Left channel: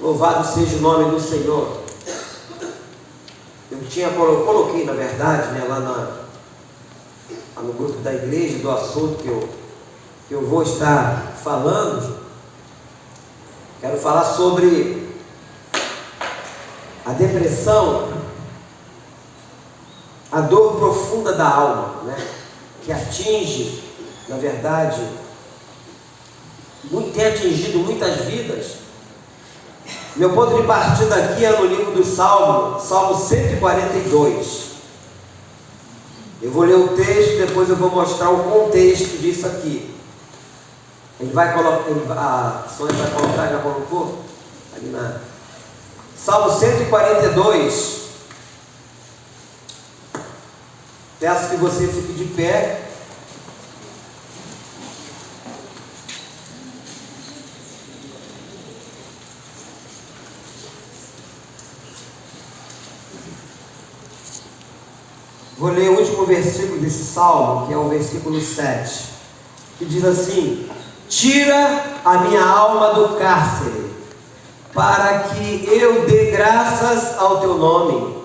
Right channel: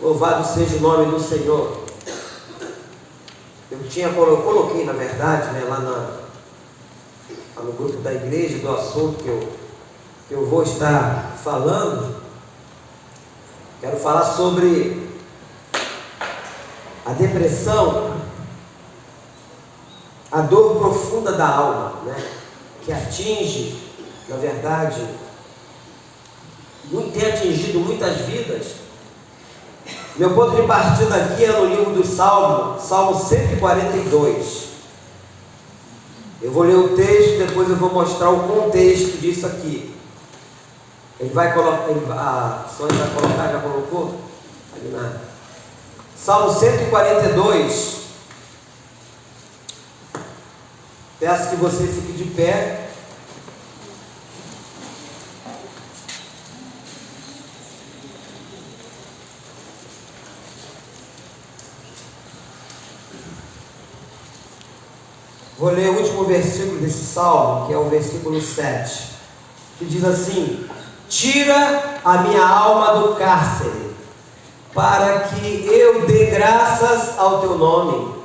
Louvado seja o nome do Senhor. Eu coloquei, na verdade, né, lá no grupo da igreja, do assunto que eu vou estar falando. Quero falar sobre a depressão, a dor profunda da alma, né, que atinge, na verdade, tem atingido muitas vidas. Meu ponto de partida aqui é no livro do Salmo 142. Eu vou ler o texto, depois eu vou mostrar o contexto disso aqui. Ele vai colocar, a senhora vai colocar, já colocou? Ali na Salmo 142. Peço que você fique de pé. Vou ler o último versículo desse salmo, que é o versículo 7, que diz assim: tira a minha alma do cárcere, para que eu dê graças ao teu nome.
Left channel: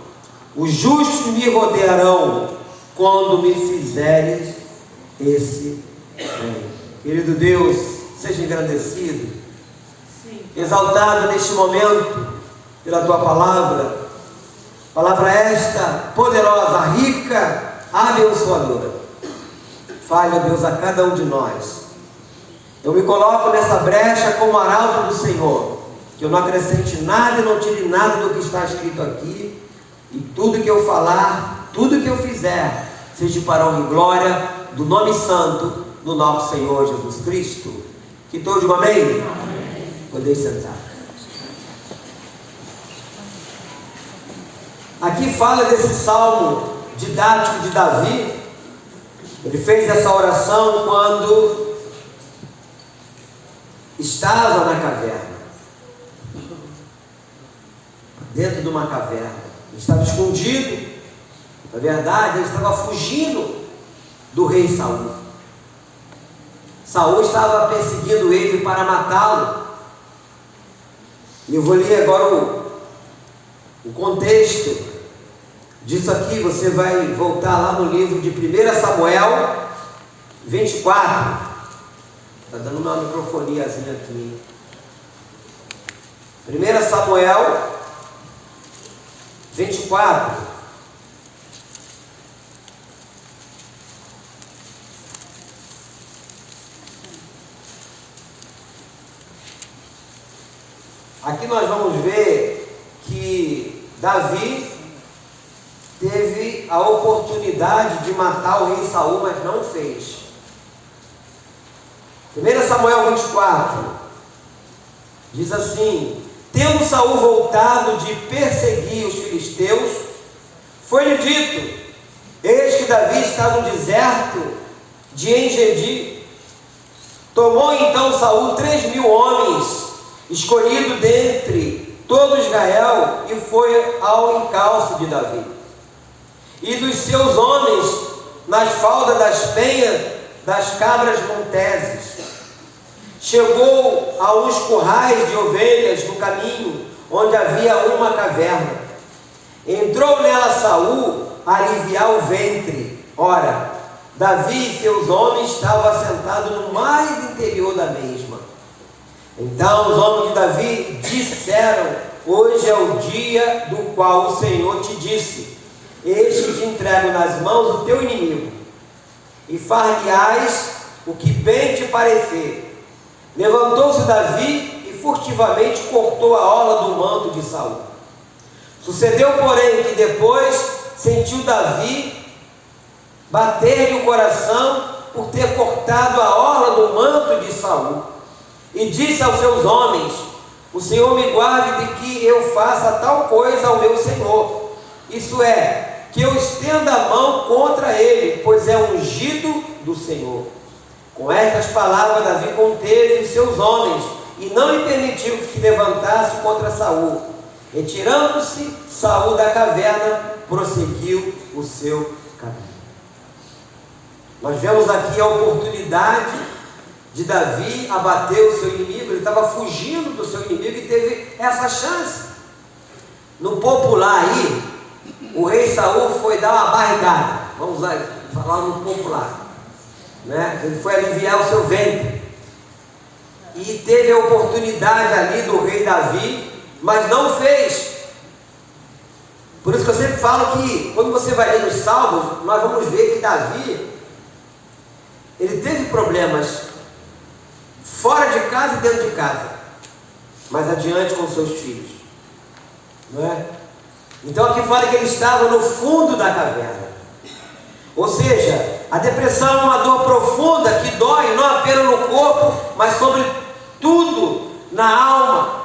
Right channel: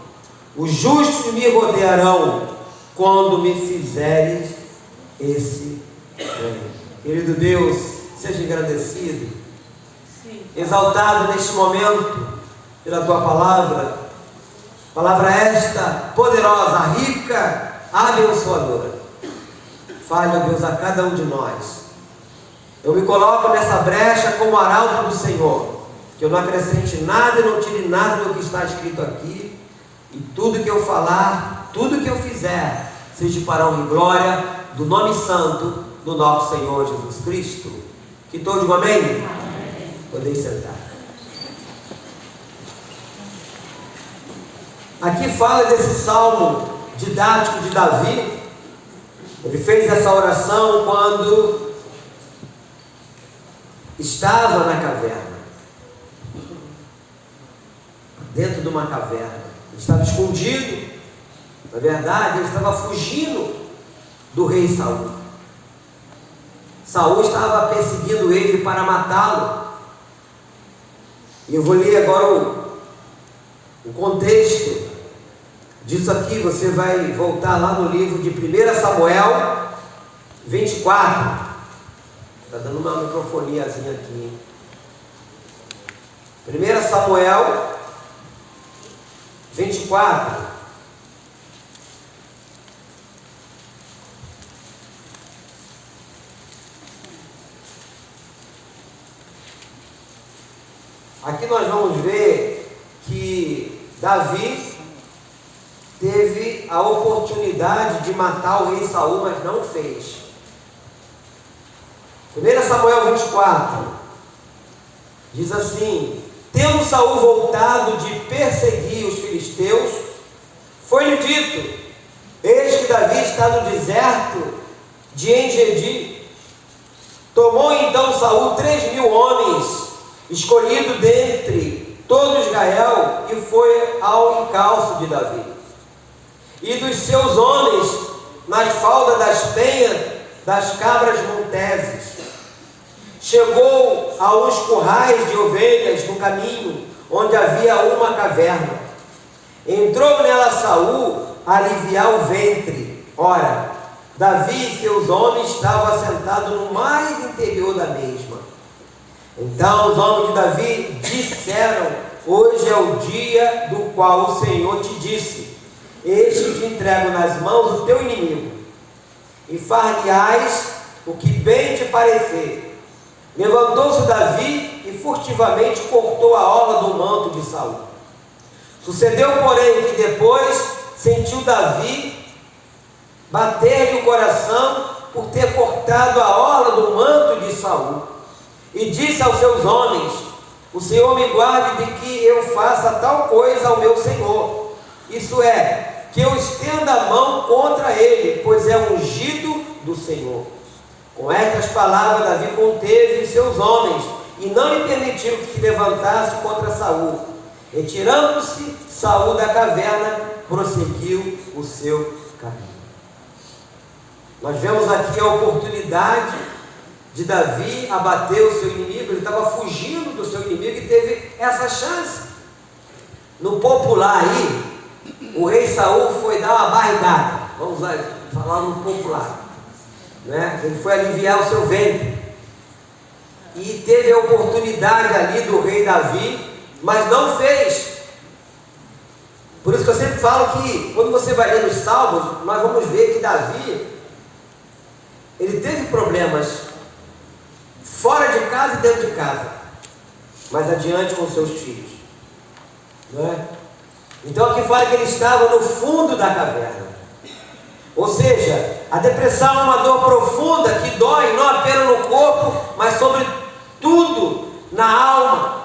Os justos me rodearão quando me fizeres esse bem. Querido Deus, seja engrandecido, exaltado neste momento pela tua palavra. Palavra esta, poderosa, rica, abençoadora. Fale, ó Deus, a cada um de nós. Eu me coloco nessa brecha como arauto do Senhor, que eu não acrescente nada e não tire nada do que está escrito aqui, e tudo que eu falar, tudo que eu fizer, seja para a honra e glória do nome santo do nosso Senhor Jesus Cristo. Que todos digam amém? Amém. Podem sentar. Aqui fala desse salmo didático de Davi. Ele fez essa oração quando estava na caverna, dentro de uma caverna. Ele estava escondido. Na verdade, ele estava fugindo do rei Saul. Saul estava perseguindo ele para matá-lo. E eu vou ler agora o contexto disso aqui. Você vai voltar lá no livro de 1 Samuel 24. Está dando uma microfoniazinha aqui. 1 Samuel 24. Aqui nós vamos ver que Davi teve a oportunidade de matar o rei Saul, mas não fez. 1 Samuel 24 diz assim: tendo Saul voltado de perseguir os filisteus, foi-lhe dito: eis que Davi está no deserto de En-Gedi. Tomou então Saul 3.000 homens, escolhido dentre todo Israel, e foi ao encalço de Davi e dos seus homens nas faldas das penhas das cabras monteses. Chegou a uns currais de ovelhas no caminho, onde havia uma caverna. Entrou nela Saul a aliviar o ventre. Ora, Davi e seus homens estavam assentados no mais interior da mesma. Então os homens de Davi disseram: hoje é o dia do qual o Senhor te disse: eis que te entrego nas mãos o teu inimigo, e far-lhe-ás o que bem te parecer. Levantou-se Davi e furtivamente cortou a orla do manto de Saul. Sucedeu, porém, que depois sentiu Davi bater-lhe o coração por ter cortado a orla do manto de Saul, e disse aos seus homens: o Senhor me guarde de que eu faça tal coisa ao meu Senhor, isso é, que eu estenda a mão contra ele, pois é ungido do Senhor. Com estas palavras Davi conteve os seus homens, e não lhe permitiu que se levantasse contra Saul. Retirando-se Saul da caverna, prosseguiu o seu caminho. Nós vemos aqui a oportunidade de Davi abater o seu inimigo. Ele estava fugindo do seu inimigo e Davi teve essa chance. No popular aí, o rei Saul foi dar uma barrigada. Vamos lá, falar no popular, né? Ele foi aliviar o seu ventre. E teve a oportunidade ali do rei Davi, mas não fez. Por isso que eu sempre falo que quando você vai ler os Salmos, nós vamos ver que Davi, ele teve problemas fora de casa e dentro de casa, mas adiante com seus filhos, não é? Então aqui fala que ele estava no fundo da caverna. Ou seja, a depressão é uma dor profunda que dói não apenas no corpo, mas sobretudo na alma.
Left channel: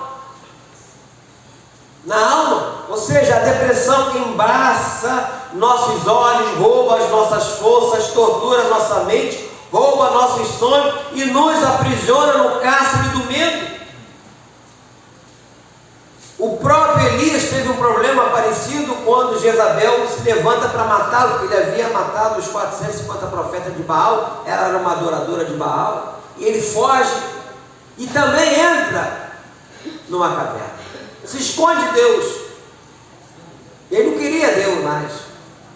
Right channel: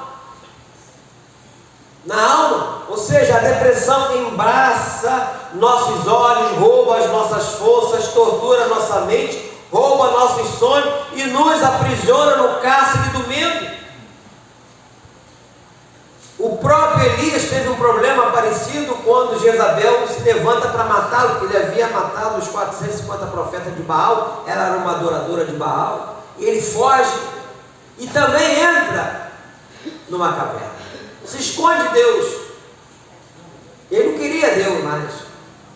Na alma. Ou seja, a depressão embraça nossos olhos, rouba as nossas forças, tortura nossa mente, rouba nossos sonhos e nos aprisiona no cárcere do medo. O próprio Elias teve um problema parecido quando Jezabel se levanta para matá-lo, porque ele havia matado os 450 profetas de Baal, ela era uma adoradora de Baal, e ele foge e também entra numa caverna, se esconde de Deus. Ele não queria Deus mais,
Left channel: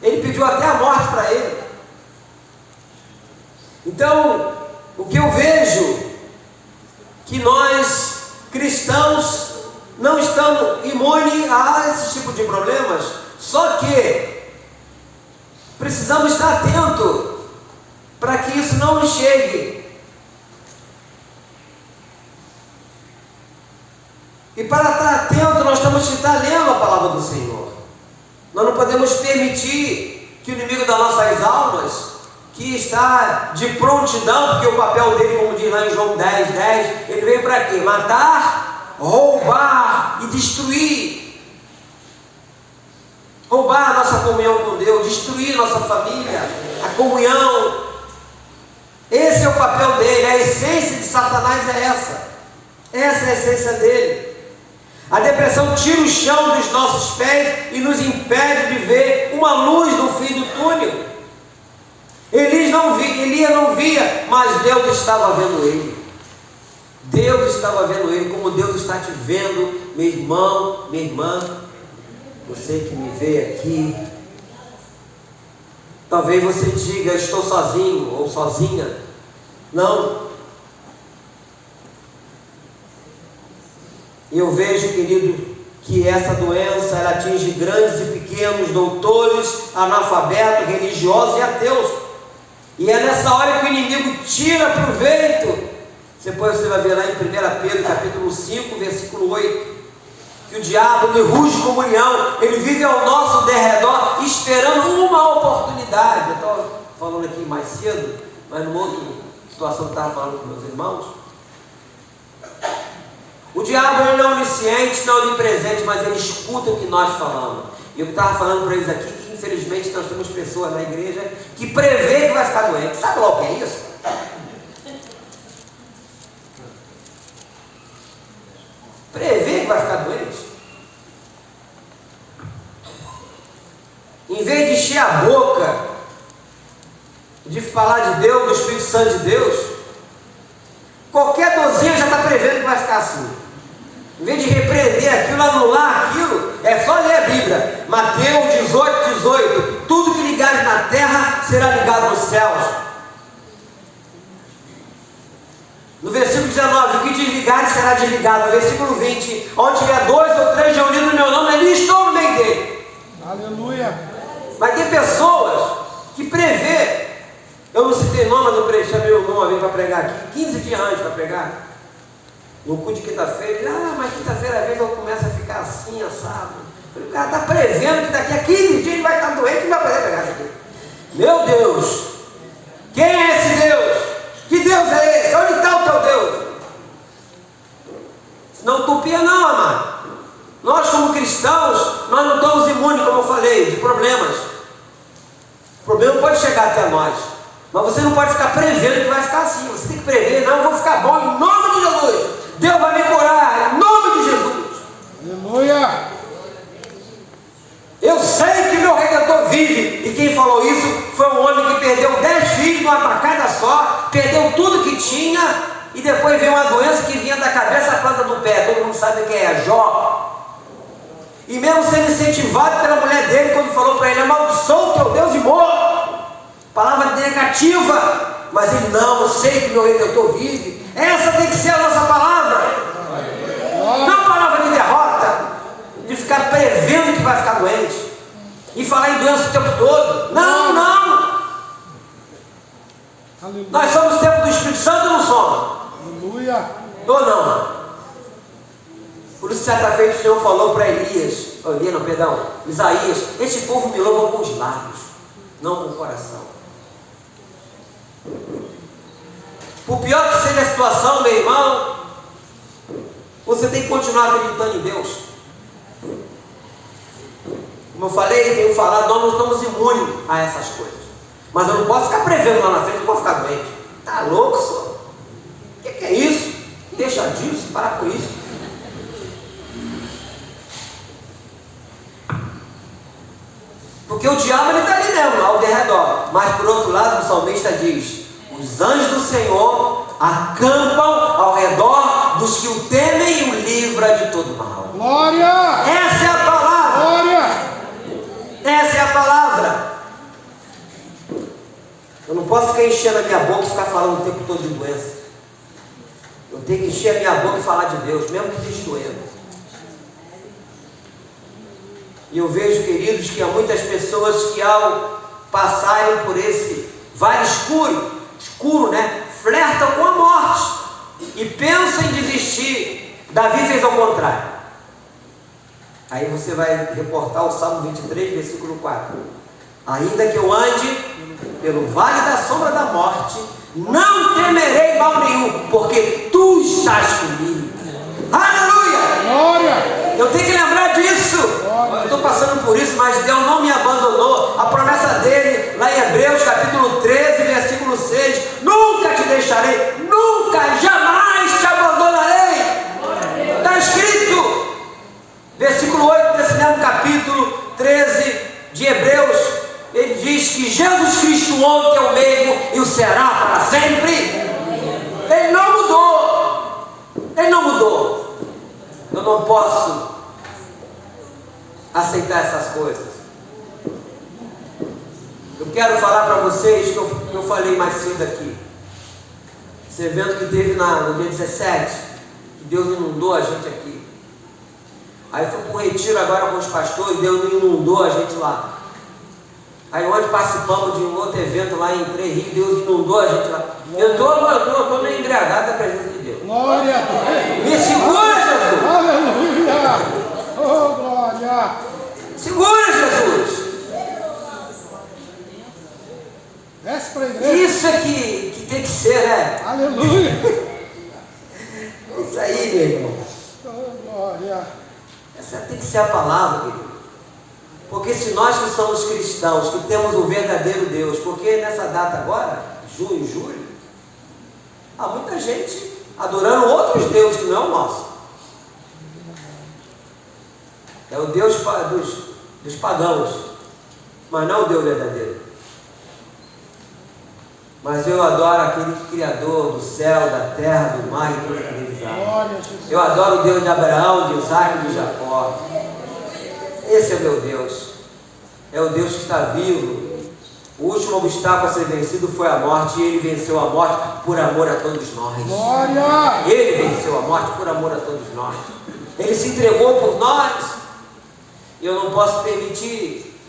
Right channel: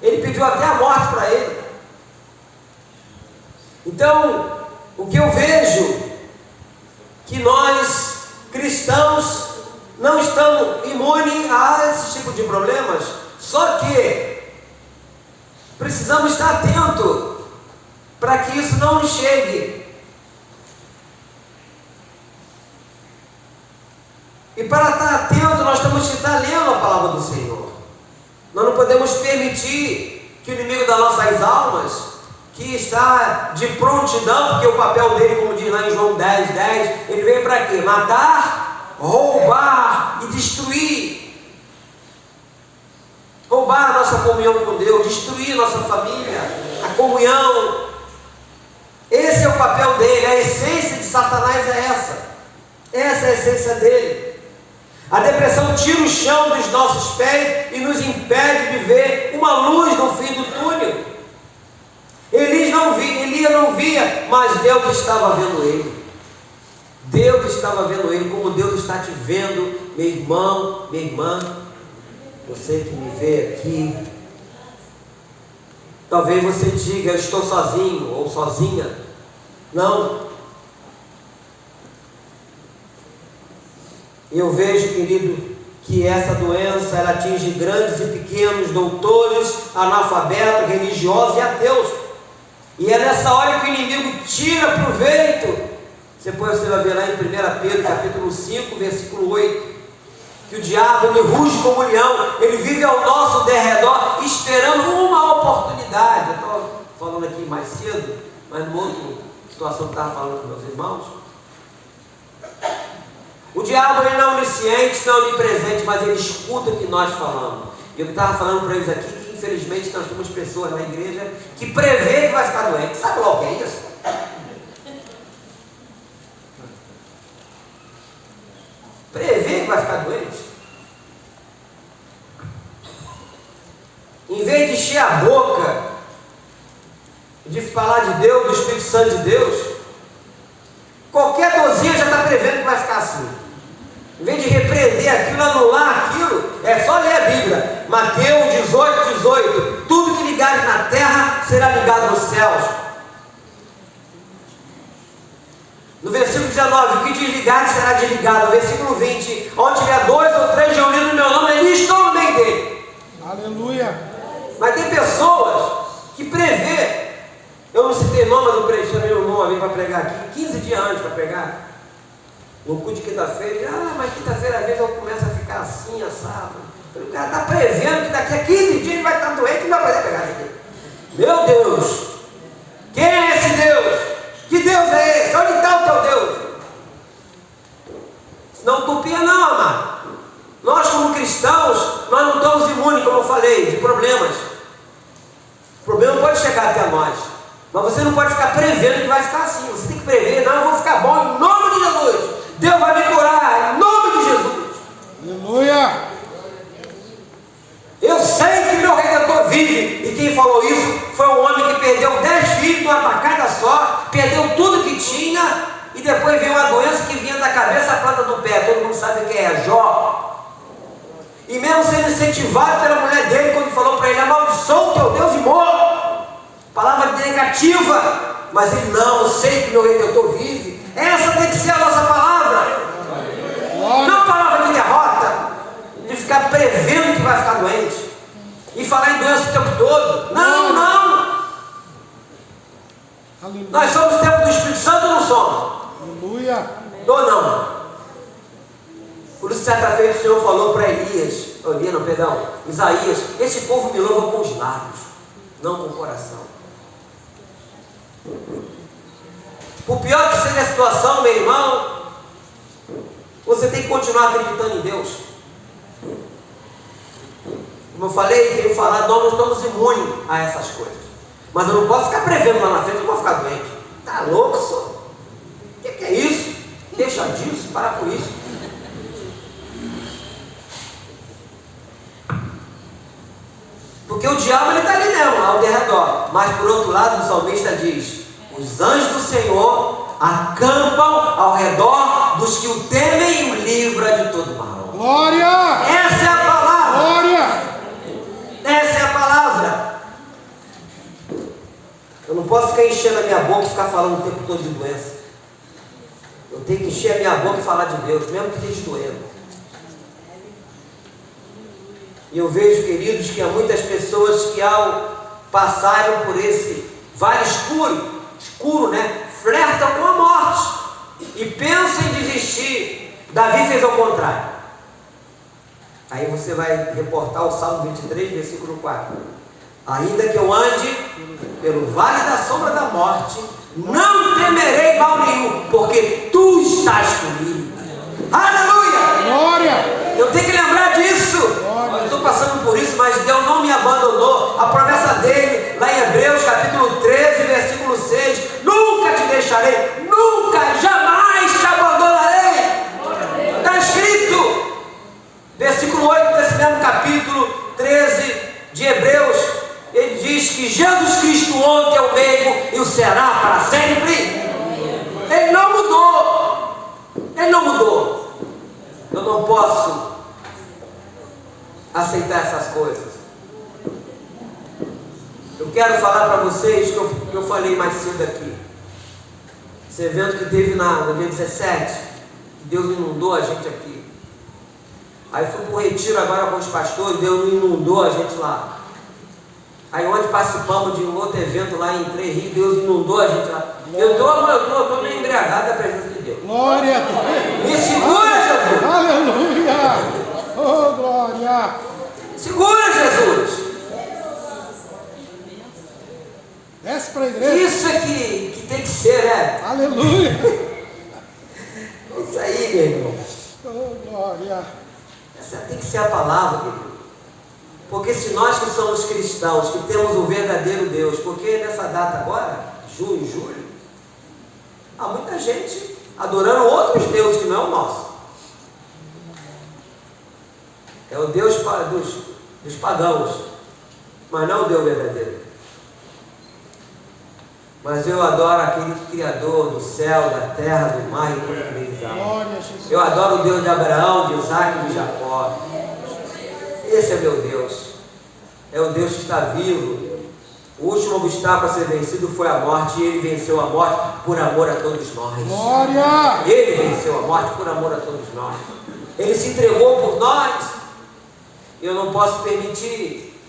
ele pediu até a morte para ele. Então, o que eu vejo, que nós cristãos não estamos imunes a esse tipo de problemas, só que precisamos estar atentos para que isso não nos chegue. E para estar atento, nós temos que estar lendo a palavra do Senhor. Nós não podemos permitir que o inimigo das nossas almas, que está de prontidão, porque o papel dele, como diz lá em João 10:10, ele veio para quê? Matar, roubar e destruir. Roubar a nossa comunhão com Deus, destruir nossa família, a comunhão. Esse é o papel dele, a essência de Satanás é essa. Essa é a essência dele. A depressão tira o chão dos nossos pés e nos impede de ver uma luz no fim do túnel. Elias não via, mas Deus estava vendo ele. Deus estava vendo ele, como Deus está te vendo, meu irmão, minha irmã. Você que me vê aqui, talvez você diga, eu estou sozinho ou sozinha. Não. Eu vejo, querido, que essa doença ela atinge grandes e pequenos, doutores, analfabetos, religiosos e ateus. E é nessa hora que o inimigo tira proveito. Depois você vai ver lá em 1 Pedro, capítulo 5, versículo 8, que o diabo ele ruge como leão, ele vive ao nosso derredor, esperando uma oportunidade. Eu estou falando aqui mais cedo, mas numa outra situação que eu estava falando com meus irmãos. O diabo ele não é onisciente, não é onipresente, mas ele escuta o que nós falamos. E eu estava falando para eles aqui que infelizmente nós temos pessoas na igreja que prevê que vai ficar doente. Sabe lá o que é isso? Prevê que vai ficar doente. Em vez de encher a boca, de falar de Deus, do Espírito Santo de Deus, qualquer dorzinha já está prevendo que vai ficar assim. Em vez de repreender aquilo, anular aquilo, é só ler a Bíblia. Mateus 18:18. Tudo que ligares na terra será ligado nos céus. No versículo 19, o que desligares será desligado. No versículo 20, onde tiver 2 ou 3 reunidos no meu nome, ali estou no meio dele. Aleluia. Mas tem pessoas que prevê. Eu não citei nome, mas eu chamei o nome para pregar aqui, 15 dias antes para pregar. No culto de quinta-feira, mas quinta-feira às vezes eu começo a ficar assim, assado. O cara está prevendo que daqui a 15 dias ele vai estar doente e não vai poder pregar aqui. Meu Deus! Quem é esse Deus? Que Deus é esse? Onde está o teu Deus? Não utopia não, amado. Nós como cristãos, nós não estamos imunes, como eu falei, de problemas. O problema pode chegar até nós. Mas você não pode ficar prevendo que vai ficar assim. Você tem que prever, não, eu vou ficar bom em nome de Jesus. Deus vai me curar em nome de Jesus. Aleluia. Eu sei que meu Redentor vive. E quem falou isso foi um homem que perdeu 10 filhos numa tacada só, perdeu tudo que tinha, e depois veio uma doença que vinha da cabeça à planta do pé. Todo mundo sabe quem é? Jó. E mesmo sendo incentivado pela mulher dele, quando falou para ele: amaldiçoa o teu Deus e morra. Palavra negativa. Mas ele: não, eu sei que meu Redentor vive. Essa tem que ser a nossa palavra. Não palavra de derrota, de ficar prevendo que vai ficar doente e falar em doença o tempo todo. Não, não. Nós somos o templo do Espírito Santo ou não somos? Aleluia. Ou não? Por isso, certa vez o Senhor falou para Isaías: esse povo me louva com os lábios, não com o coração. Por pior que seja a situação, meu irmão, você tem que continuar acreditando em Deus. Como eu falei, tenho falado, nós não estamos imunes a essas coisas. Mas eu não posso ficar prevendo lá na frente que eu vou ficar doente. Está louco, senhor? O que é isso? Deixa disso, para com isso. Porque o diabo está ali mesmo, ao derredor. Mas por outro lado, o salmista diz: os anjos do Senhor acampam ao redor dos que o temem e o livra de todo mal. Glória! Essa é a palavra. Glória! Essa é a palavra. Eu não posso ficar enchendo a minha boca e ficar falando o tempo todo de doença. Eu tenho que encher a minha boca e falar de Deus, mesmo que esteja doendo. E eu vejo, queridos, que há muitas pessoas que ao passarem por esse vale escuro, né? Flertam com a morte e pensam em desistir. Davi fez ao contrário. Aí você vai reportar o Salmo 23, versículo 4. Ainda que eu ande pelo vale da sombra da morte, não temerei mal nenhum, porque tu estás comigo. Aleluia! Glória! Eu tenho que lembrar disso. Eu estou passando por isso, mas Deus não me abandonou. A promessa dele, lá em Hebreus capítulo 13, versículo 6: nunca te deixarei, nunca, jamais te abandonarei. Está escrito, versículo 8 desse mesmo capítulo 13 de Hebreus. Ele diz que Jesus Cristo ontem é o mesmo e o será para sempre. Ele não mudou. Ele não mudou. Eu não posso aceitar essas coisas. Eu quero falar para vocês que eu falei mais cedo aqui. Esse evento que teve no dia 17, que Deus inundou a gente aqui. Aí fui para um retiro agora com os pastores, Deus inundou a gente lá. Aí ontem participamos de um outro evento lá em Três Rios, Deus inundou a gente lá. Eu estou meio embriagado da presença de Deus. Glória! Me segura, Jesus! Aleluia! Oh, glória! Segura, Jesus! Desce para a igreja. Isso é que tem que ser, né? Aleluia! Isso aí, meu irmão. Oh, glória! Essa tem que ser a palavra, querido. Porque se nós que somos cristãos, que temos o verdadeiro Deus, porque nessa data agora, junho, julho, há muita gente adorando outros deuses que não é o nosso. É o Deus dos pagãos, mas não é o Deus verdadeiro. Mas eu adoro aquele Criador do céu, da terra, do mar e toda aquele Glória a Jesus. Eu adoro o Deus de Abraão, de Isaac e de Jacó. Esse é meu Deus. É o Deus que está vivo. O último obstáculo a ser vencido foi a morte, e Ele venceu a morte por amor a todos nós. Glória! Ele venceu a morte por amor a todos nós. Ele se entregou por nós. Eu não posso permitir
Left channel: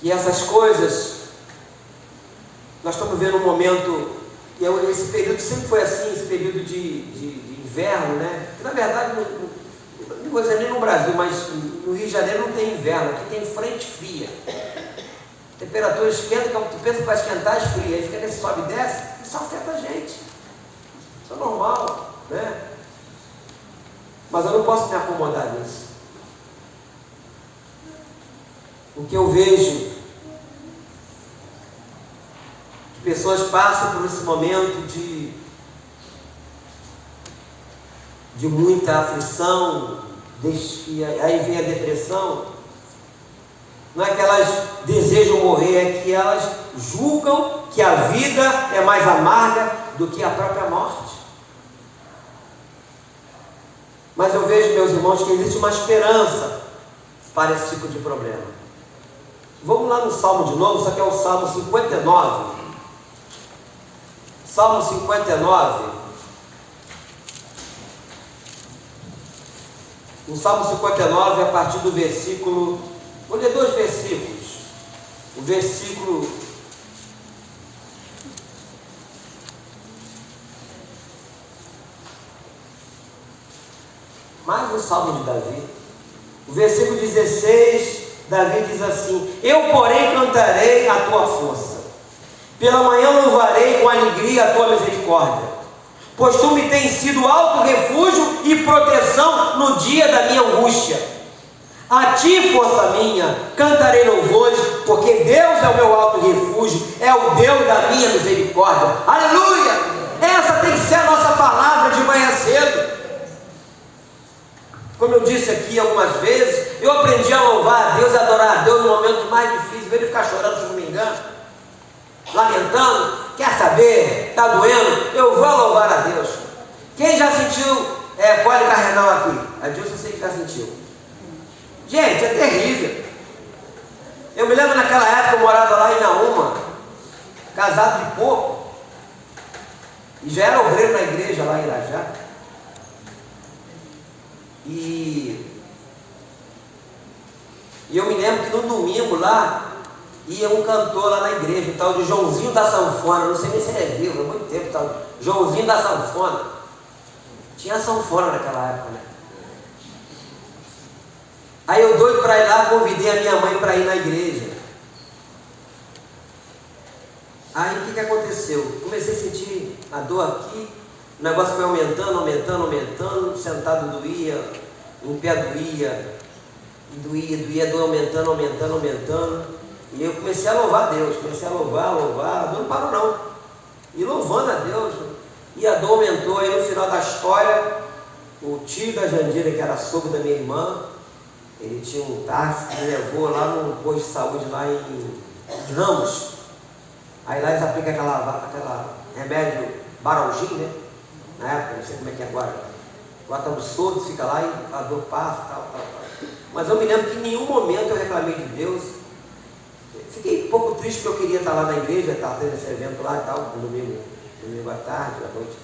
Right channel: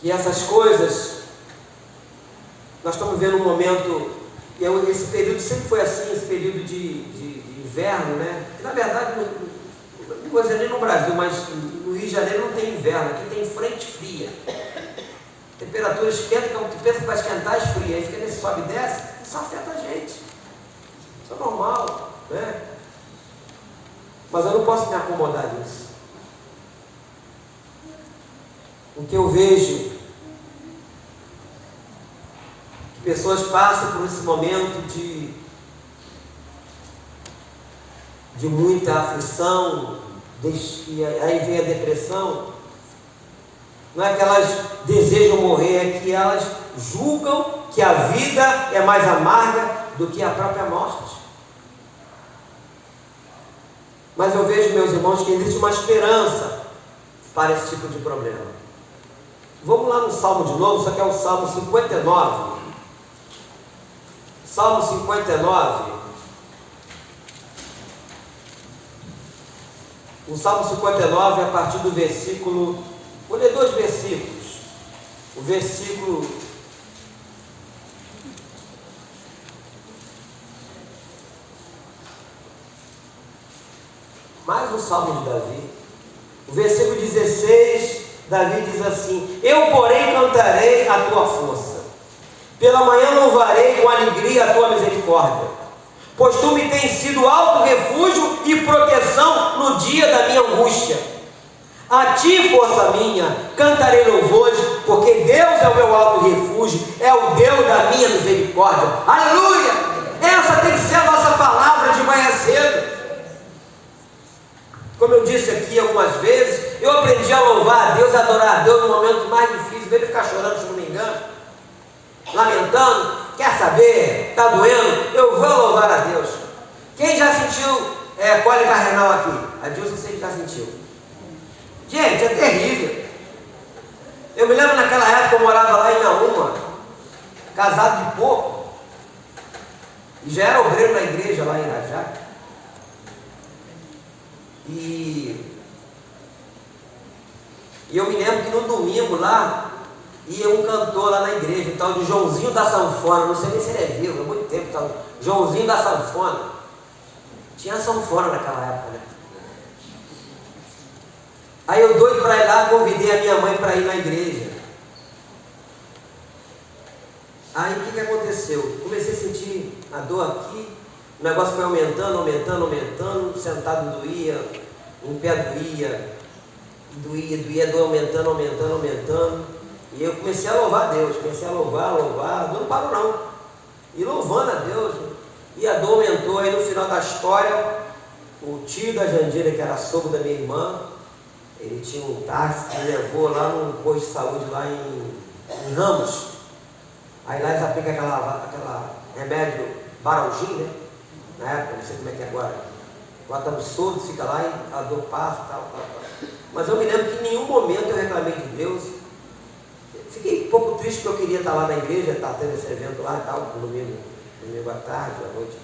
que essas coisas... Nós estamos vendo um momento... Esse período sempre foi assim, esse período de inverno, né? Que, na verdade, não vou dizer nem no Brasil, mas no Rio de Janeiro não tem inverno, aqui tem frente fria. Temperatura esquenta, quando tu pensa que vai esquentar, esfria. Aí fica nesse sobe e desce, isso afeta a gente. Isso é normal, né? Mas eu não posso me acomodar nisso. O que eu vejo, que pessoas passam por esse momento de muita aflição, aí vem a depressão. Não é que elas desejam morrer, é que elas julgam que a vida é mais amarga do que a própria morte. Mas eu vejo, meus irmãos, que existe uma esperança para esse tipo de problema. Vamos lá no Salmo de novo, só que é o Salmo 59. Salmo 59. No Salmo 59, a partir do versículo... Vou ler 2 versículos. O versículo... Mais um Salmo de Davi. O versículo 16, Davi diz assim: eu, porém, cantarei a tua força. Pela manhã louvarei com alegria a tua misericórdia, pois tu me tens sido alto refúgio e proteção no dia da minha angústia. A ti, força minha, cantarei louvores, porque Deus é o meu alto refúgio, é o Deus da minha misericórdia. Aleluia! Essa tem que ser a nossa palavra de manhã cedo. Como eu disse aqui algumas vezes, eu aprendi a louvar a Deus, a adorar a Deus no momento mais difícil, veio ficar chorando, se não me engano, lamentando. Quer saber? Está doendo? Eu vou louvar a Deus. Quem já sentiu cólica renal aqui? A Dilson sei que já sentiu. Gente, é terrível. Eu me lembro naquela época, eu morava lá em Naúma, casado de pouco, e já era obreiro na igreja lá em Irajá. E eu me lembro que no domingo lá, ia um cantor lá na igreja, o tal de Joãozinho da Sanfona, não sei nem se ele é vivo, há muito tempo, tal, Joãozinho da Sanfona. Tinha sanfona naquela época, né? Aí eu doido para ir lá, convidei a minha mãe para ir na igreja. Aí o que aconteceu? Comecei a sentir a dor aqui, o negócio foi aumentando, sentado doía, em pé doía, doía, dor aumentando. E eu comecei a louvar a Deus, a louvar, a dor não parou não. E louvando a Deus, né? E a dor aumentou. Aí no final da história, o tio da Jandira, que era sogro da minha irmã, ele tinha um táxi que levou lá no posto de saúde lá em Ramos. Aí lá eles aplicam aquela remédio Baralgin, né? Na época, não sei como é que é agora. Bota absurdo, fica lá e a dor passa, tal. Mas eu me lembro que em nenhum momento eu reclamei de Deus. Fiquei um pouco triste porque eu queria estar lá na igreja, estar tendo esse evento lá e tal, no domingo à tarde, à noite.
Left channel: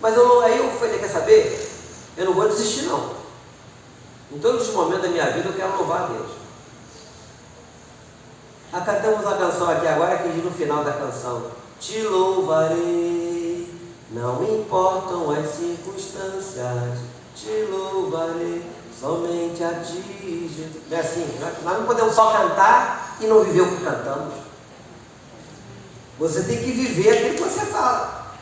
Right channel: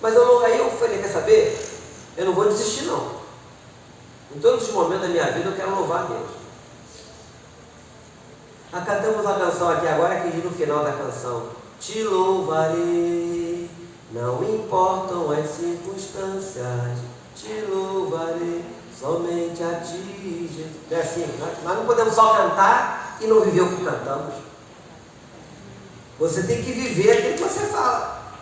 Mas aí eu falei, quer saber? Eu não vou desistir não. Em todos os momentos da minha vida eu quero louvar a Deus. Nós cantamos uma canção aqui agora que diz no final da canção: te louvarei, não importam as circunstâncias, te louvarei, somente a ti, Jesus. É assim, nós não podemos só cantar e não viver o que cantamos. Você tem que viver aquilo que você fala.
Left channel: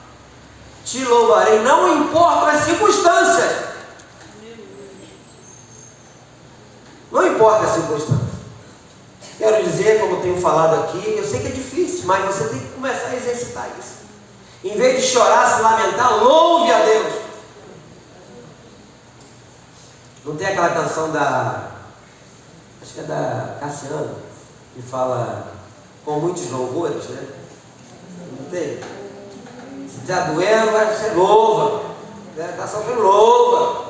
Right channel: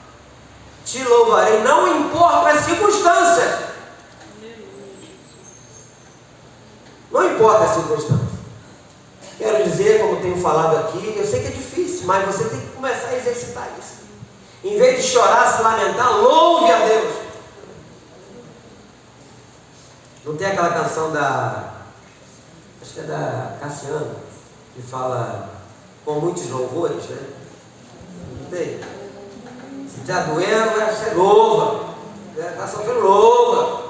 Te louvarei, não importam as circunstâncias. Não importa as circunstâncias. Quero dizer, como tenho falado aqui, eu sei que é difícil, mas você tem que começar a exercitar isso. Em vez de chorar, se lamentar, louve a Deus. Não tem aquela canção acho que é da Cassiano, que fala com muitos louvores, né? Não tem? Se está doendo, você louva. Está sofrendo, louva.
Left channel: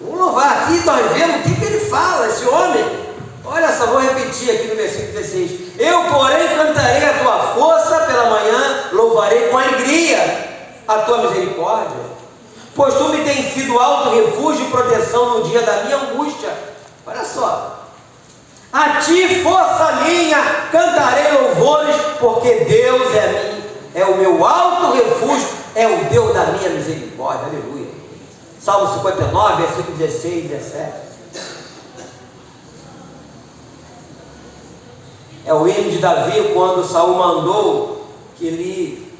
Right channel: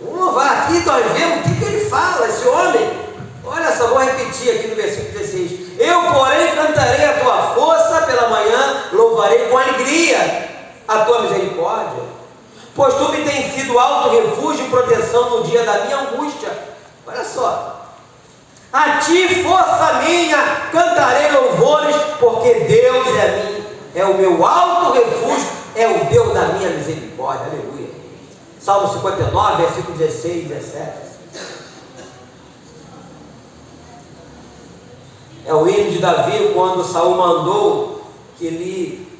Vamos louvar aqui, estão vendo o que ele fala, esse homem. Olha só, vou repetir aqui no versículo 16: eu, porém, cantarei a tua força pela manhã, louvarei com alegria a tua misericórdia, pois tu me tens sido alto refúgio e proteção no dia da minha angústia. Olha só, a ti, força minha, cantarei louvores, porque Deus é o meu alto refúgio, é o Deus da minha misericórdia. Aleluia. Salmo 59, versículo 16 e 17. É o hino de Davi, quando Saul mandou que ele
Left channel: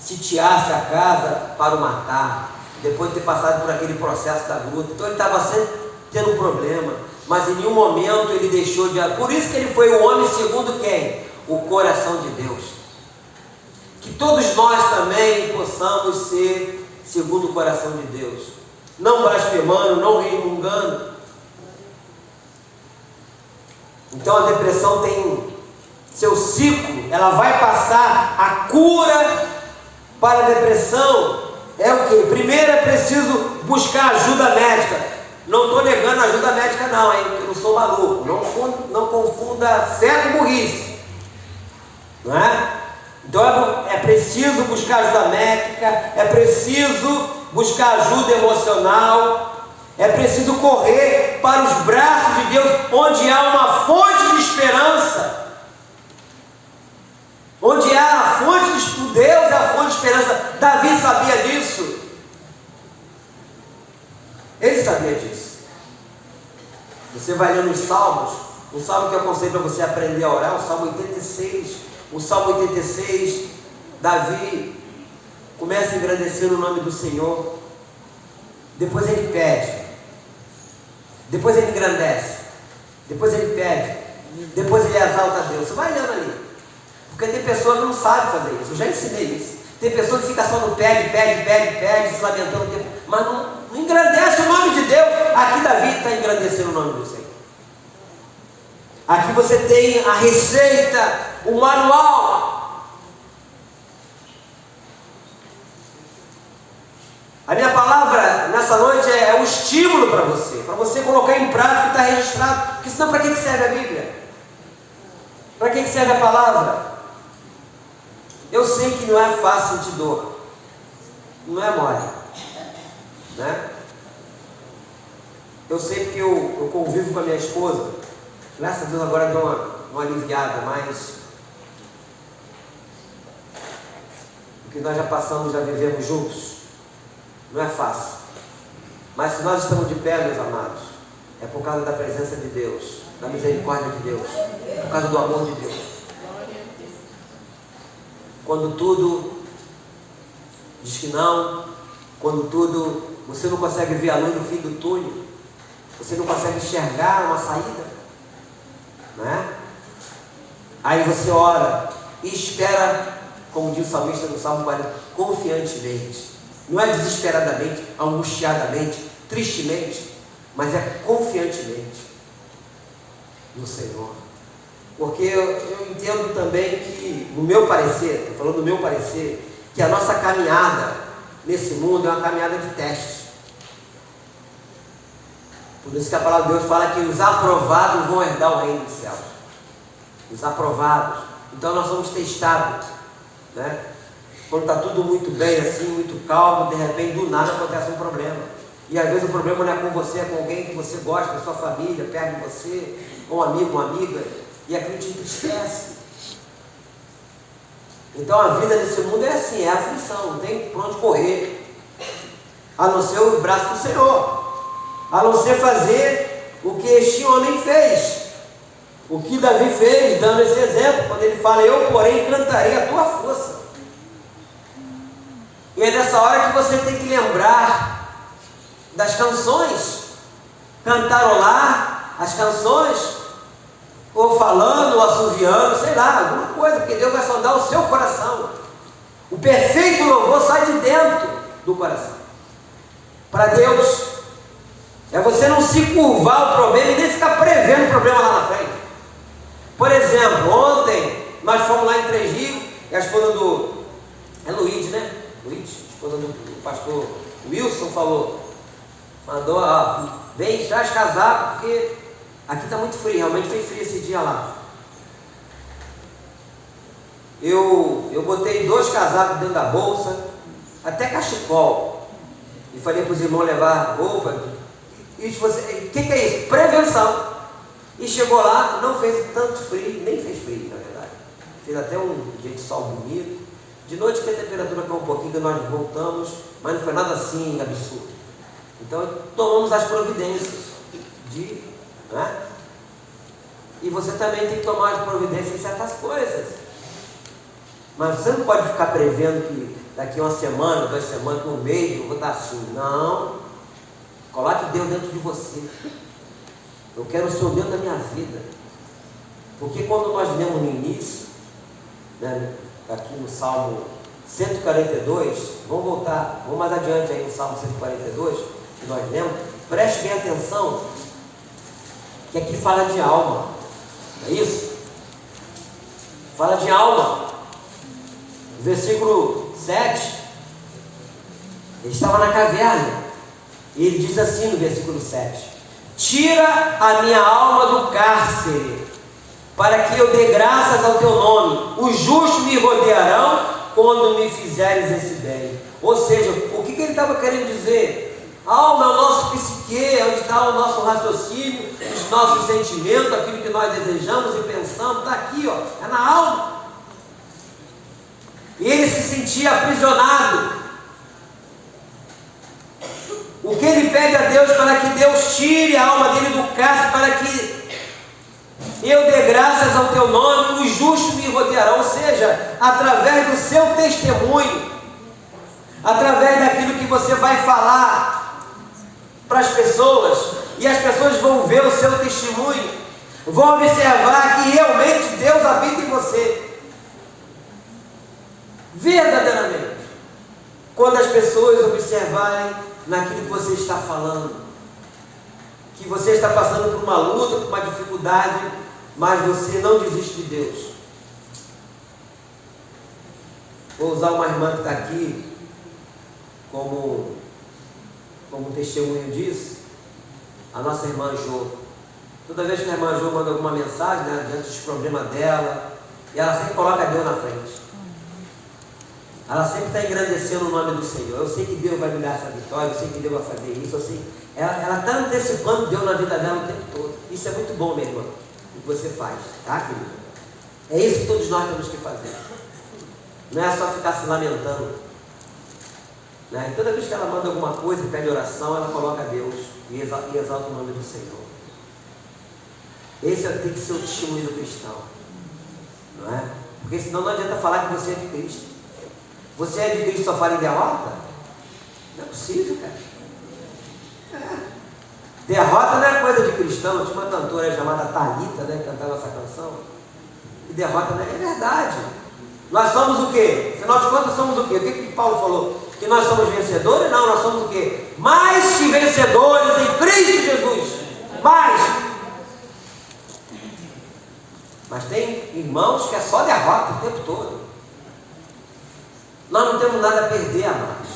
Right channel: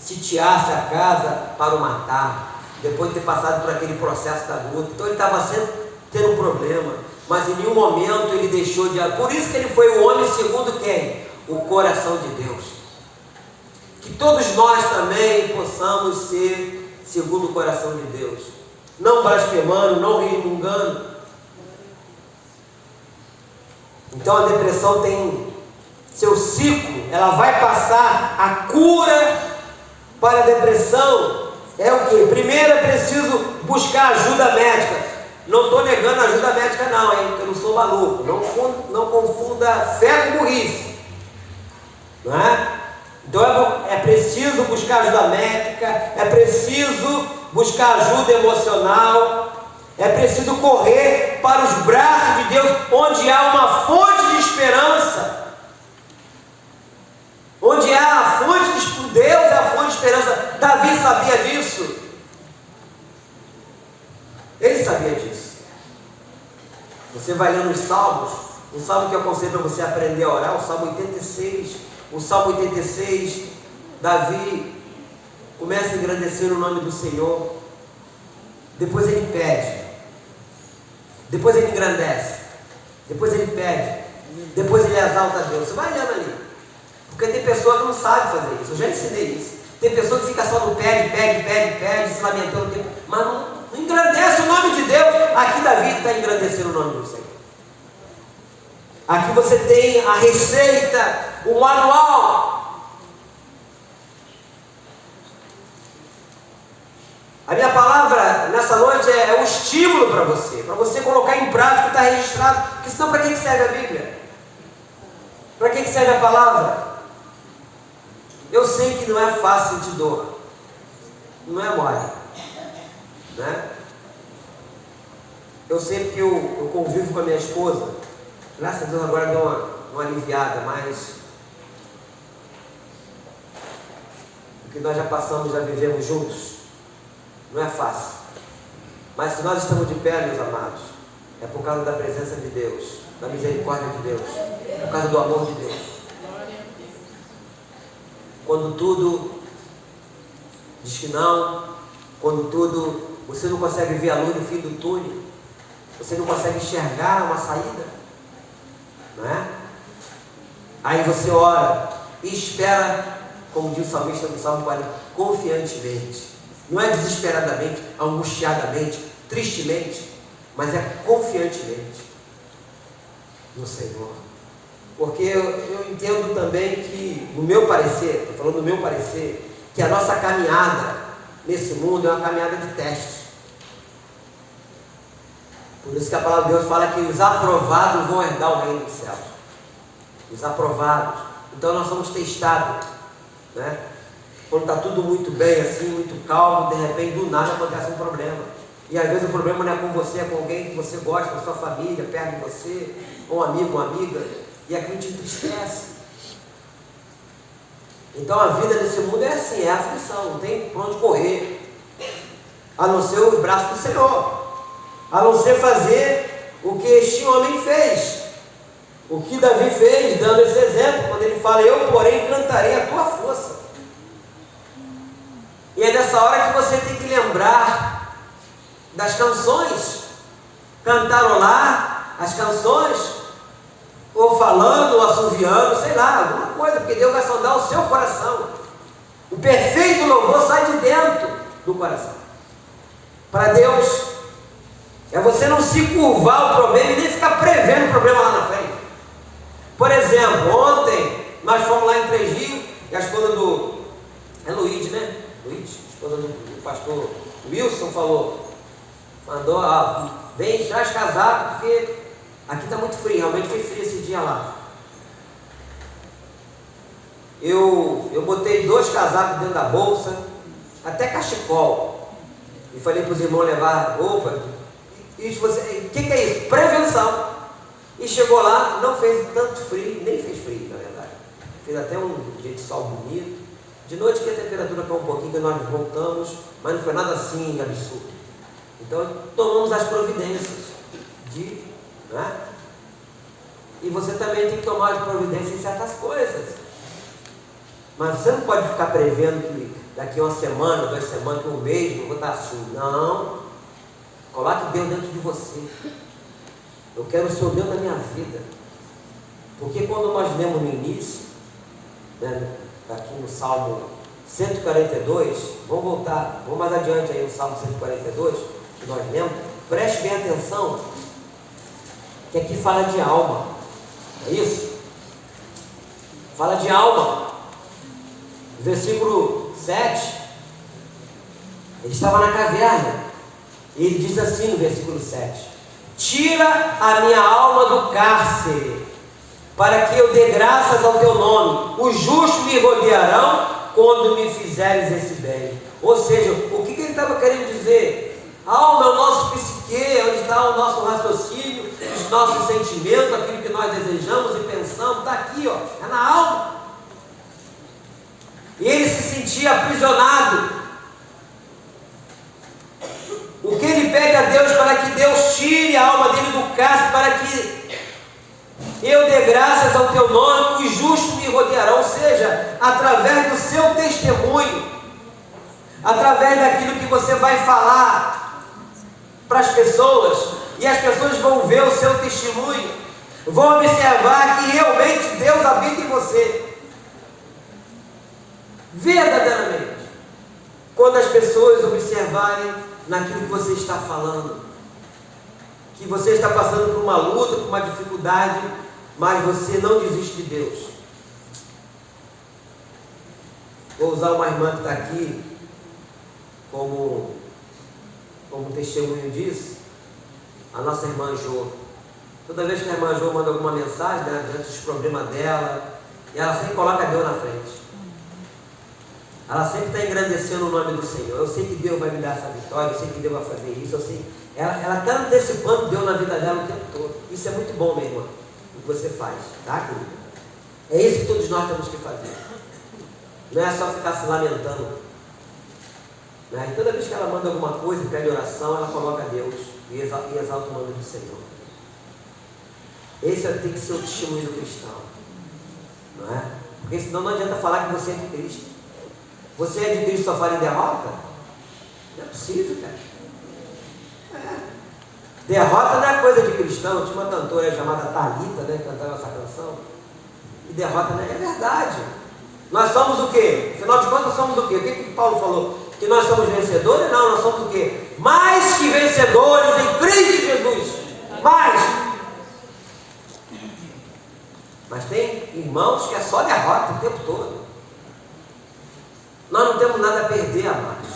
sitiasse a casa para o matar, depois de ter passado por aquele processo da luta. Então ele estava sempre tendo um problema, mas em nenhum momento ele deixou de... Por isso que ele foi o homem segundo quem? O coração de Deus. Que todos nós também possamos ser segundo o coração de Deus, não blasfemando, não resmungando. Então a depressão tem seu ciclo, ela vai passar. A cura para a depressão é o quê? Primeiro é preciso buscar ajuda médica. Não estou negando ajuda médica não, hein? Eu não sou maluco. Não confunda fé com burrice. Não é? Então é preciso buscar ajuda médica, é preciso buscar ajuda emocional, é preciso correr para os braços de Deus, onde há uma fonte de esperança. Onde há a fonte de Deus, é a fonte de esperança. Davi sabia disso. Ele sabia disso. Você vai ler nos Salmos, um salmo que eu aconselho para você aprender a orar, o Salmo 86. O Salmo 86, Davi começa a engrandecer o nome do Senhor. Depois ele pede. Depois ele engrandece. Depois ele pede. Depois ele exalta a Deus. Você vai olhando ali. Porque tem pessoa que não sabe fazer isso. Eu já ensinei isso. Tem pessoa que fica só no pede, se lamentando, mas não engrandece o nome de Deus. Aqui Davi está engrandecendo o nome do Senhor. Aqui você tem a receita, o manual. A minha palavra nessa noite é um estímulo para você colocar em prática o que está registrado. Porque senão, para que serve a Bíblia? Para que serve a palavra? Eu sei que não é fácil sentir dor, não é mole, né? Eu sei que eu convivo com a minha esposa, graças a Deus agora deu uma aliviada, mas o que nós já passamos, já vivemos juntos, não é fácil. Mas se nós estamos de pé, meus amados, é por causa da presença de Deus, da misericórdia de Deus, por causa do amor de Deus. Quando tudo diz que não, quando tudo, você não consegue ver a luz no fim do túnel, você não consegue enxergar uma saída, não é? Aí você ora e espera, como diz o salmista no Salmo 40, confiantemente, não é desesperadamente, angustiadamente, tristemente, mas é confiantemente no Senhor. Porque eu entendo também que, no meu parecer, estou falando do meu parecer, que a nossa caminhada nesse mundo é uma caminhada de testes. Por isso que a palavra de Deus fala que os aprovados vão herdar o reino dos céus. Os aprovados. Então nós somos testados, né? Quando está tudo muito bem, assim, muito calmo, de repente do nada acontece um problema. E às vezes o problema não é com você, é com alguém que você gosta, da sua família, perto de você, ou um amigo, uma amiga. E aquilo te entristece. Então a vida nesse mundo é assim, é aflição, não tem por onde correr, a não ser o braço do Senhor, a não ser fazer o que este homem fez, o que Davi fez, dando esse exemplo, quando ele fala, eu porém cantarei a tua força. E é nessa hora que você tem que lembrar das canções, cantarolar as canções, ou falando, ou assoviando, sei lá, alguma coisa, porque Deus vai sondar o seu coração. O perfeito louvor sai de dentro do coração. Para Deus, é você não se curvar ao problema e nem ficar prevendo o problema lá na frente. Por exemplo, ontem nós fomos lá em Três Rios, e a esposa do... é Luiz, né? Luiz, a esposa do pastor Wilson mandou, vem, traz casaco, porque aqui está muito frio, realmente fez frio esse dia lá. Eu botei 2 casacos dentro da bolsa, até cachecol, e falei para os irmãos levar roupa. E o que é isso? Prevenção. E chegou lá, não fez tanto frio, nem fez frio, na verdade. Fez até um dia de sol bonito. De noite que a temperatura caiu um pouquinho, que nós voltamos, mas não foi nada assim absurdo. Então tomamos as providências né? E você também tem que tomar as providências em certas coisas. Mas você não pode ficar prevendo que daqui a 1 semana, 2 semanas, 1 mês, eu vou estar assim. Não. Coloque Deus dentro de você. Eu quero o Senhor Deus na minha vida. Porque quando nós lemos no início, né, aqui no Salmo 142, vamos voltar, vamos mais adiante aí no Salmo 142, que nós lemos, preste bem atenção, que aqui fala de alma, é isso? Fala de alma. Versículo 7, Ele estava na caverna. E ele diz assim no versículo 7: tira a minha alma do cárcere, para que eu dê graças ao teu nome. Os justos me rodearão quando me fizeres esse bem. Ou seja, o que ele estava querendo dizer? Alma é o nosso psique, é onde está o nosso raciocínio, os nossos sentimentos, aquilo que nós desejamos e pensamos, está aqui, ó, é na alma. E ele se sentia aprisionado. O que ele pede a Deus para que Deus tire a alma dele do cárcere, para que eu dê graças ao teu nome, os justos me rodearão. Ou seja, através do seu testemunho, através daquilo que você vai falar para as pessoas, e as pessoas vão ver o seu testemunho, vão observar que realmente Deus habita em você, verdadeiramente. Quando as pessoas observarem naquilo que você está falando, que você está passando por uma luta, por uma dificuldade, mas você não desiste de Deus. Vou usar uma irmã que está aqui como testemunho disso, a nossa irmã Jo. Toda vez que a irmã Jo manda alguma mensagem, né, diante dos problemas dela, e ela sempre coloca Deus na frente. Ela sempre está engrandecendo o nome do Senhor. Eu sei que Deus vai me dar essa vitória, eu sei que Deus vai fazer isso, eu sei. Ela está antecipando Deus na vida dela o tempo todo. Isso é muito bom, minha irmã, o que você faz, tá, querida? É isso que todos nós temos que fazer. Não é só ficar se lamentando. Né? Toda vez que ela manda alguma coisa, pede oração, ela coloca Deus e exalta o nome do Senhor. Esse tem que ser o testemunho do cristão. Não é? Porque senão não adianta falar que você é de Cristo. Você é de Cristo, só fala em derrota? Não é possível, cara. Derrota não é coisa de cristão. Tinha uma cantora chamada Thalita, né, que cantava essa canção. E derrota não é verdade. Nós somos o quê? Afinal de contas, somos o quê? O que Paulo falou? Que nós somos vencedores? Não, nós somos o quê? Mais que vencedores em Cristo Jesus. Mais. Mas tem irmãos que é só derrota o tempo todo. Nós não temos nada a perder, amados.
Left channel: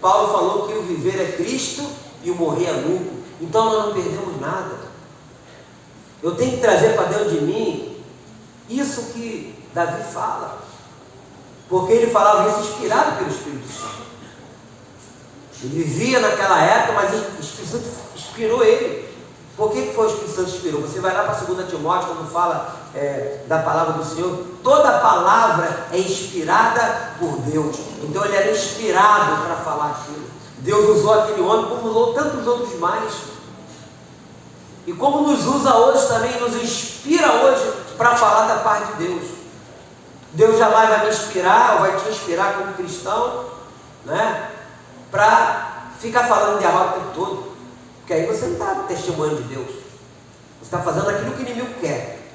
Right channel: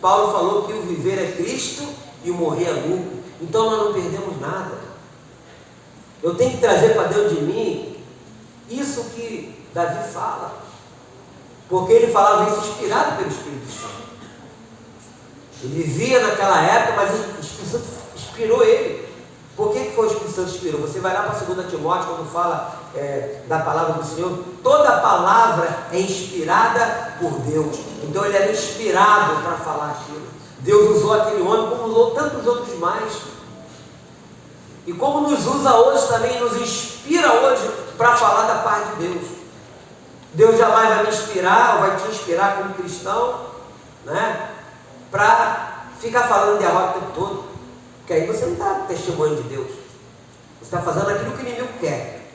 Paulo falou que o viver é Cristo e o morrer é lucro. Então nós não perdemos nada. Eu tenho que trazer para dentro de mim isso que Davi fala. Porque ele falava isso inspirado pelo Espírito Santo. Ele vivia naquela época, mas o Espírito Santo inspirou ele. Por que foi o Espírito Santo inspirou? Você vai lá para 2 Timóteo, quando fala da palavra do Senhor, toda palavra é inspirada por Deus. Então ele era inspirado para falar aquilo. Deus usou aquele homem como usou tantos outros mais. E como nos usa hoje também, nos inspira hoje para falar da paz de Deus. Deus jamais vai me inspirar, ou vai te inspirar como cristão, né, para ficar falando de derrota o tempo todo. Porque aí você não está testemunhando de Deus. Você está fazendo aquilo que o inimigo quer.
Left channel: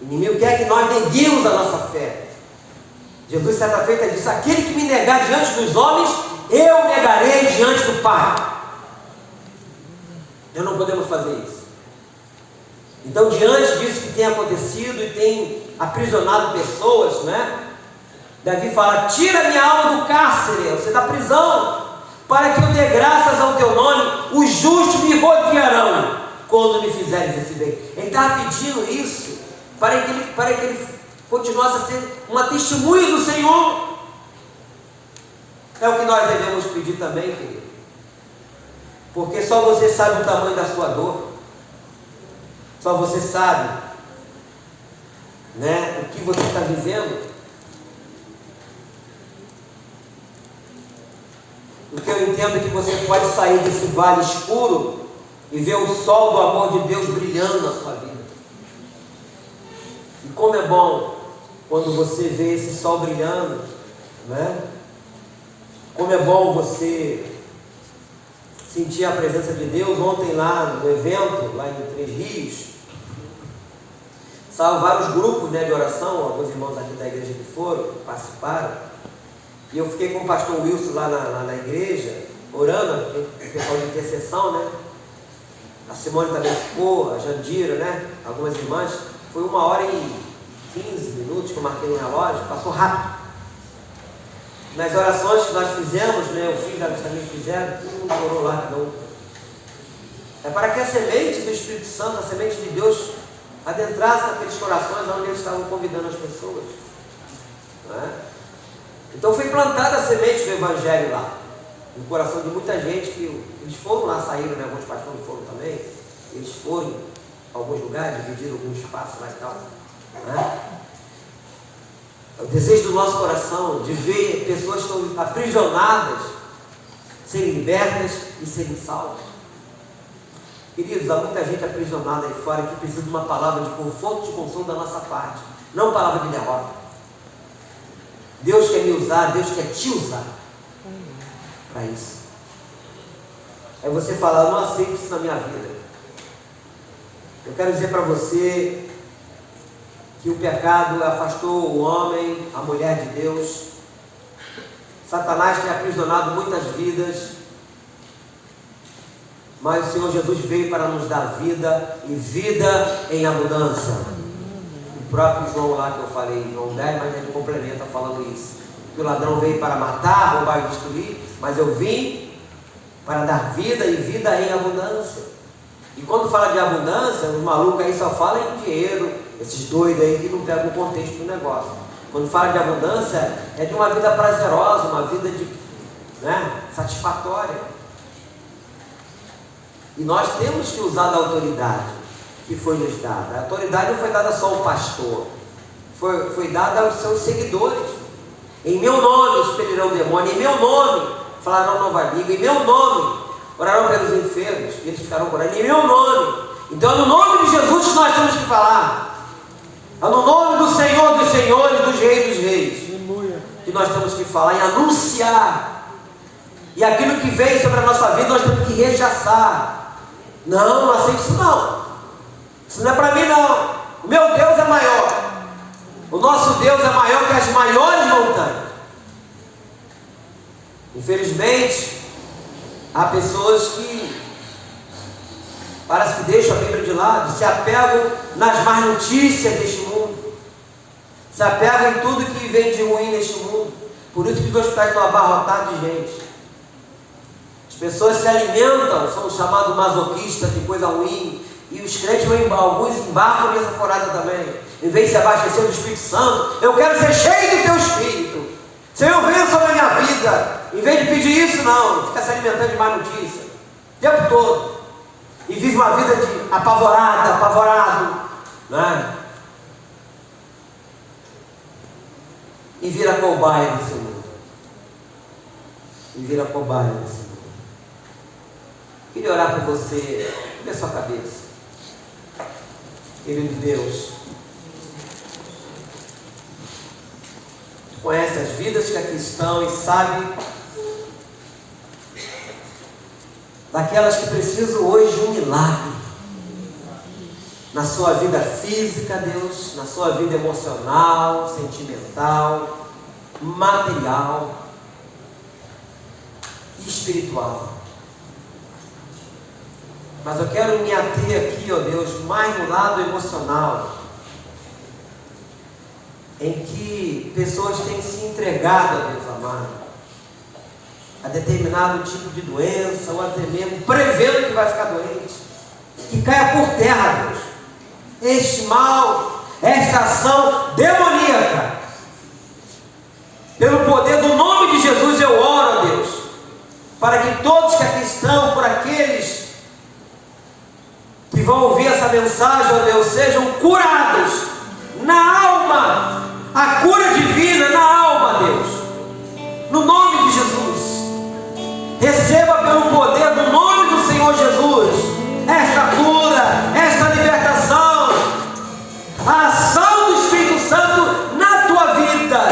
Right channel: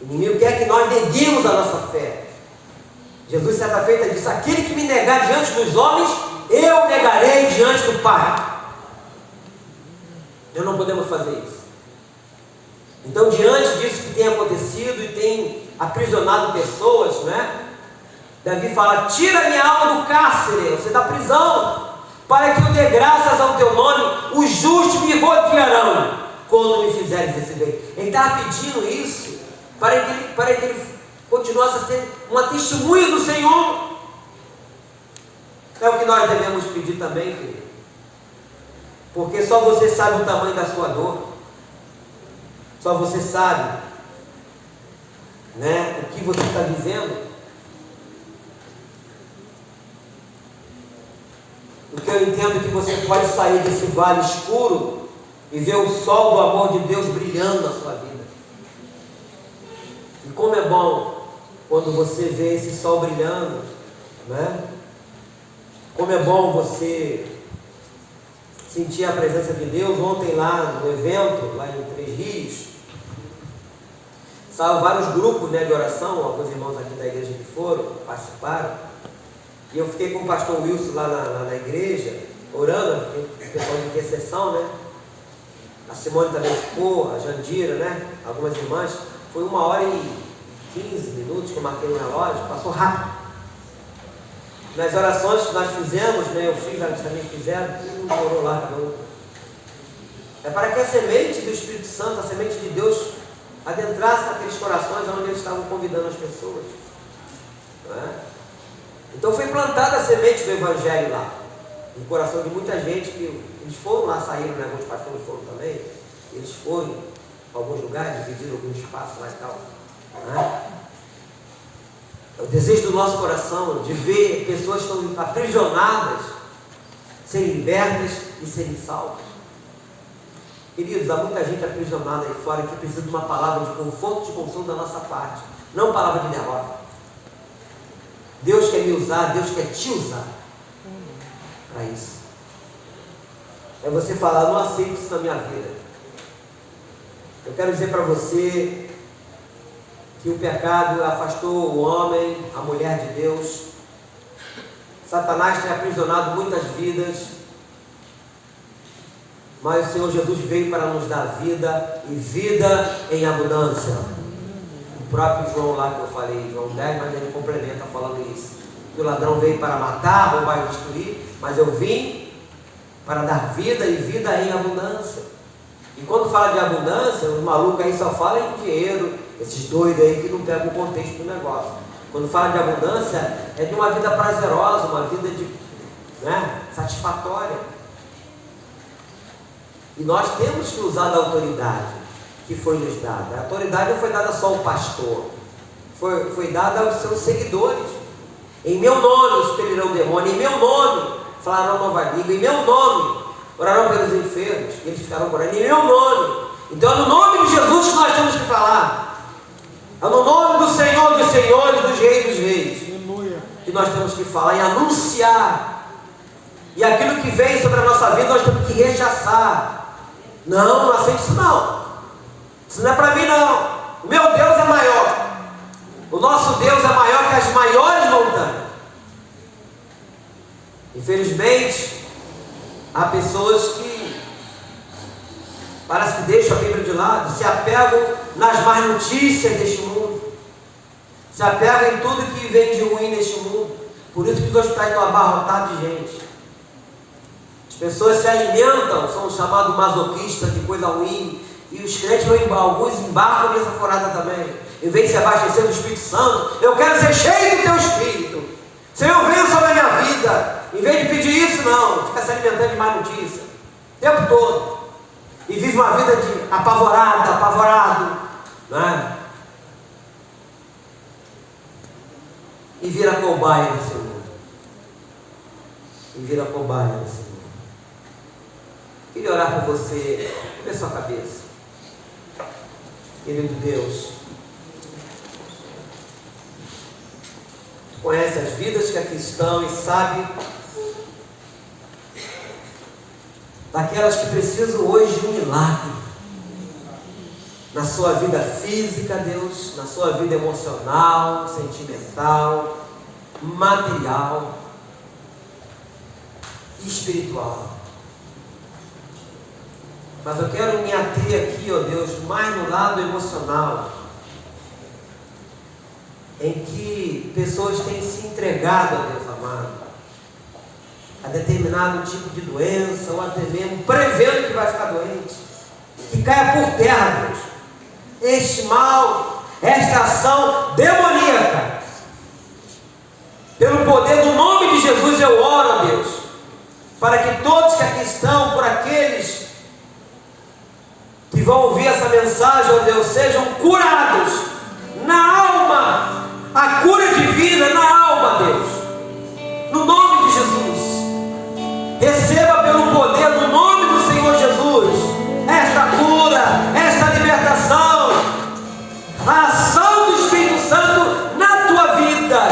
O inimigo quer que nós neguemos a nossa fé. Jesus, certa feita, disse: aquele que me negar diante dos homens, eu negarei diante do Pai. Nós não podemos fazer isso. Então, diante disso que tem acontecido e tem aprisionado pessoas, né? Davi fala: tira minha alma do cárcere, você da prisão, para que eu dê graças ao teu nome, os justos me rodearão quando me fizeres esse bem. Ele estava pedindo isso para que ele continuasse a ser uma testemunha do Senhor. É o que nós devemos pedir também, querido. Porque só você sabe o tamanho da sua dor. Só você sabe, né, o que você está vivendo. Porque eu entendo que você pode sair desse vale escuro e ver o sol do amor de Deus brilhando na sua vida. E como é bom quando você vê esse sol brilhando, né? Como é bom você sentir a presença de Deus. Ontem lá no evento, lá em Três Rios, estavam vários grupos, né, de oração, alguns irmãos aqui da igreja que foram, participaram. E eu fiquei com o pastor Wilson lá na igreja, orando, questão de intercessão, né? A Simone também ficou, a Jandira, né? Algumas irmãs. Foi 1h15 que eu marquei no relógio, passou rápido. nas orações que nós fizemos, né, os filhos também fizeram, tudo orou lá de novo. É para que a semente do Espírito Santo, a semente de Deus, adentrasse naqueles corações onde eles estavam convidando as pessoas. Né? Então foi plantada a semente do Evangelho lá, no coração de muita gente, que eles foram lá, saíram, né? Alguns pastores foram também, eles foram a alguns lugares, dividiram algum espaço lá e tal. Né? É o desejo do nosso coração de ver pessoas que estão aprisionadas, serem libertas e serem salvas. Queridos, há muita gente aprisionada aí fora que precisa de uma palavra de conforto e de consolo da nossa parte, não palavra de derrota. Deus quer me usar, Deus quer te usar para isso. É você falar, não aceito isso na minha vida. Eu quero dizer para você que o pecado afastou o homem, a mulher de Deus. Satanás tem aprisionado muitas vidas, mas o Senhor Jesus veio para nos dar vida e vida em abundância. O próprio João lá que eu falei, João 10, mas ele complementa falando isso. Que o ladrão veio para matar, roubar e destruir, mas eu vim para dar vida e vida em abundância. E quando fala de abundância, os malucos aí só falam em dinheiro, esses doidos aí que não pegam o contexto do negócio. Quando fala de abundância, é de uma vida prazerosa, uma vida satisfatória. E nós temos que usar a autoridade que foi nos dada. A autoridade não foi dada só ao pastor, foi dada aos seus seguidores. Em meu nome expelirão demônio, em meu nome falarão nova língua, em meu nome orarão pelos enfermos, e eles ficarão curando, em meu nome. Então é no nome de Jesus que nós temos que falar. É no nome do Senhor dos senhores, dos reis dos reis, que nós temos que falar e anunciar. E aquilo que vem sobre a nossa vida nós temos que rechaçar. Não aceito isso não. Isso não é para mim não. O meu Deus é maior. O nosso Deus é maior que as maiores montanhas. Infelizmente, há pessoas que parece que deixam a Bíblia de lado, se apegam nas más notícias deste mundo, se apegam em tudo que vem de ruim neste mundo. Por isso que os hospitais estão abarrotados de gente. As pessoas se alimentam, são chamados masoquistas de coisa ruim, e os crentes vão alguns embarcam nessa forada também. Em vez de se abastecer do Espírito Santo, eu quero ser cheio do teu Espírito. Senhor, venha sobre a minha vida. Em vez de pedir isso, não, fica se alimentando de má notícia o tempo todo. E vive uma vida de apavorado, não é? E vira cobaia desse mundo. Queria orar por você, dê sua cabeça. Querido Deus, tu conhece as vidas que aqui estão e sabe daquelas que precisam hoje de um milagre na sua vida física, Deus, na sua vida emocional, sentimental, material e espiritual. Mas eu quero me ater aqui, ó Deus, mais no lado emocional, em que pessoas têm se entregado, ó Deus amado, a determinado tipo de doença, ou até mesmo prevendo que vai ficar doente, que caia por terra, Deus, este mal, esta ação demoníaca, pelo poder do nome de Jesus eu oro, ó Deus, para que todos que aqui estão, por aqueles que vão ouvir essa mensagem, ó Deus, sejam curados na alma, a cura divina na alma, Deus, no nome de Jesus. Receba pelo poder do nome do Senhor Jesus esta cura, esta libertação, a ação do Espírito Santo na tua vida,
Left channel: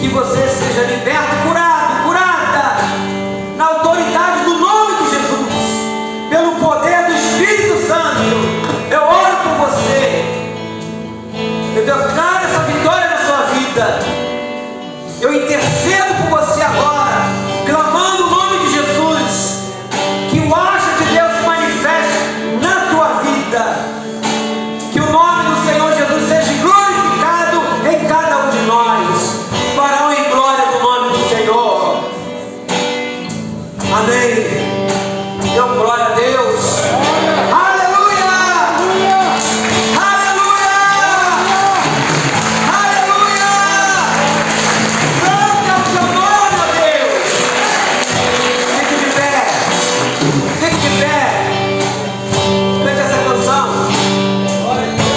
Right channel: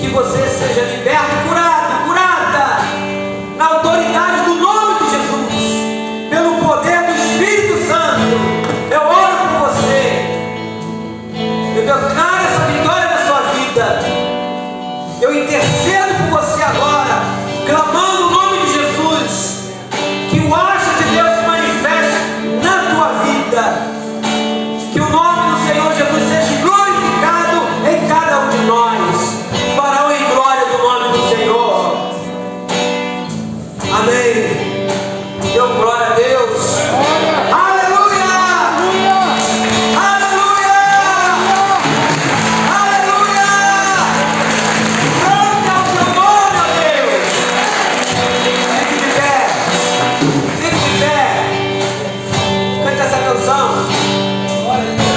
que você seja liberto, curada na autoridade do nome de Jesus, pelo poder do Espírito Santo. Eu oro por você, eu declaro essa vitória na sua vida, eu intercedo por você agora, clamando o nome de Jesus. Amém. Deu glória a Deus. Aleluia! Aleluia! Aleluia! Santo é o teu nome, Deus. Fique de pé. Fique de pé. Cante essa canção. Glória a Deus.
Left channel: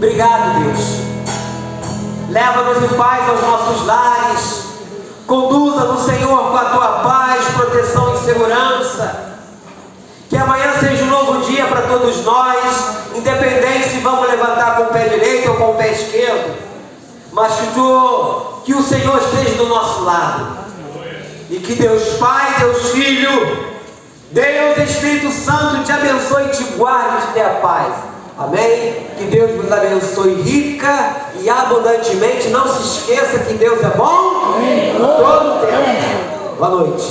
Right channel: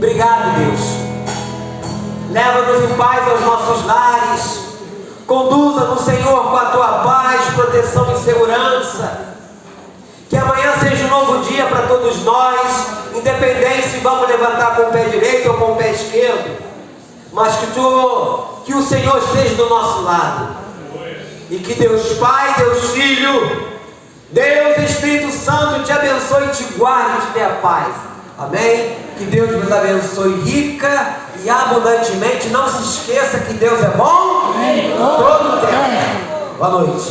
Obrigado, Deus. Leva-nos em paz aos nossos lares. Conduza-nos, Senhor, com a tua paz, proteção e segurança. Que amanhã seja um novo dia para todos nós, independente se vamos levantar com o pé direito ou com o pé esquerdo, mas que o Senhor esteja do nosso lado. E que Deus Pai, Deus Filho, Deus Espírito Santo te abençoe e te guarde e te dê a paz. Amém? Que Deus nos abençoe rica e abundantemente. Não se esqueça que Deus é bom todo o tempo. Boa noite.